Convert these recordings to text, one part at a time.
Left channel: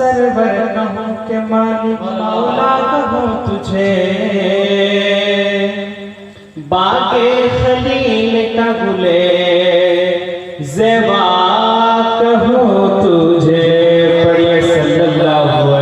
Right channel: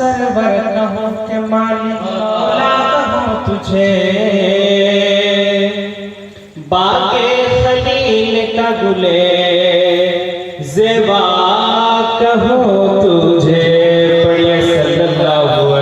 Server कहूँ के मालिक मौला कहूँ तुझे बागे खलील का गुले जेवा कहूँ तुझे पढ़िए सल्लल्लाहु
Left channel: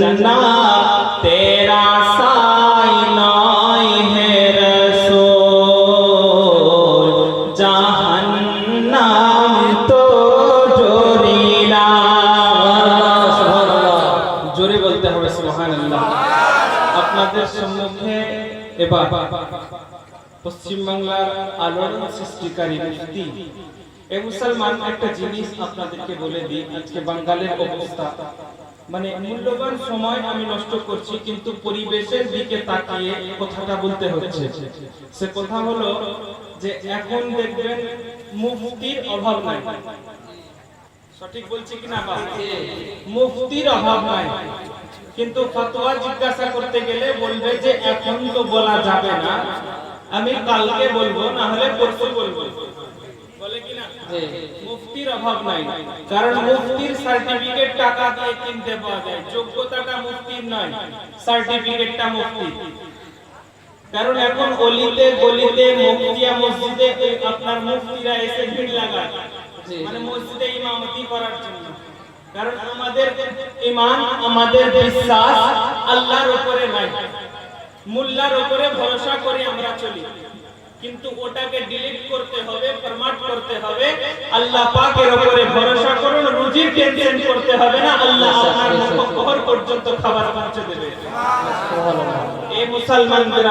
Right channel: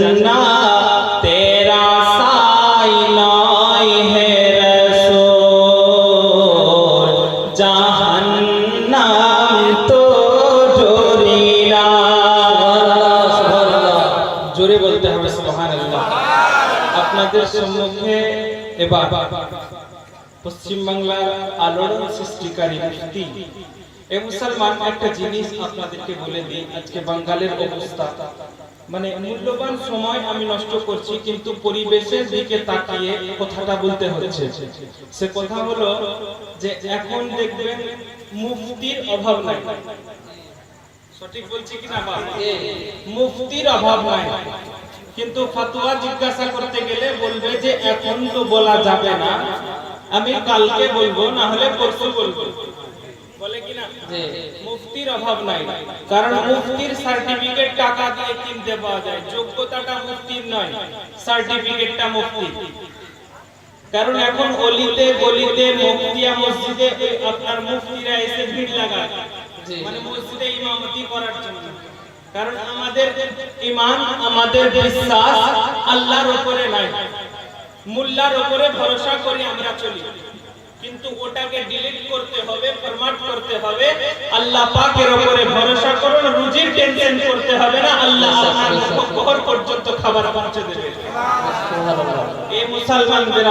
জন্নাত তেরা সাই নয় হে রসূল জাহান্নাম তো জোরি না জোরে বলতে হবে সুবহানাল্লাহ। আপনাদের সম্মুখে এবার পশ্চিম বাংলার আলোড়ন সৃষ্টিকারী মুফতি এ মুসলমান একটা জিনিস আপনাদেরকে বলে দিই, আজকে বাঙালির অবস্থা। মানে মূল্যবান সময় আমি নষ্ট করছি কিন্তু পরিবেশের দিকে তাকিয়ে কথাটা বলতে হচ্ছে। সে কথা হলো যে এখন দেখবেন মুফতির অভাব নাই। সঠিক বলছি কিনা? বাবা? মুফতির অভাব নাই। কিন্তু ফতোয়া জিজ্ঞাসা করতে গেলে বলবে যে এখন তো বলা যাবে না। আমি কালকে বলব না হলে পরশু বলব। বলে কি না মুফতির অভাব নাই। কারণ মুফতির সার্টিফিকেট টাকা দিয়ে কিনতে পাওয়া যায়। যোগ্যতাটা মুফতির নয় সার্টিফিকেটটা মুফতি কারণ এখন অলিতে গলিতে মুফতিয়া মসজিদে আপনার মুফতিরা এসে ভিড় লাগায়। মানে মসজিদে ইমামতি করার জন্য। কারণ আমাদের ইমান আমাদের বিশ্বাস আল্লাহর উপরে নাই। মুল্লার উপরে ভরসা করে আমরা চলি। কিন্তু ওটাকে ডিলিট করতে হবে ফরম্যাট করতে হবে। আল্লাহ পাকের উপরে ভরসা করুন রুজির টেনশন করতে হবে না। আল্লাহ আপনার মুখ পর্যন্ত খাবার পৌঁছে দেবে। এই মুসলমানদের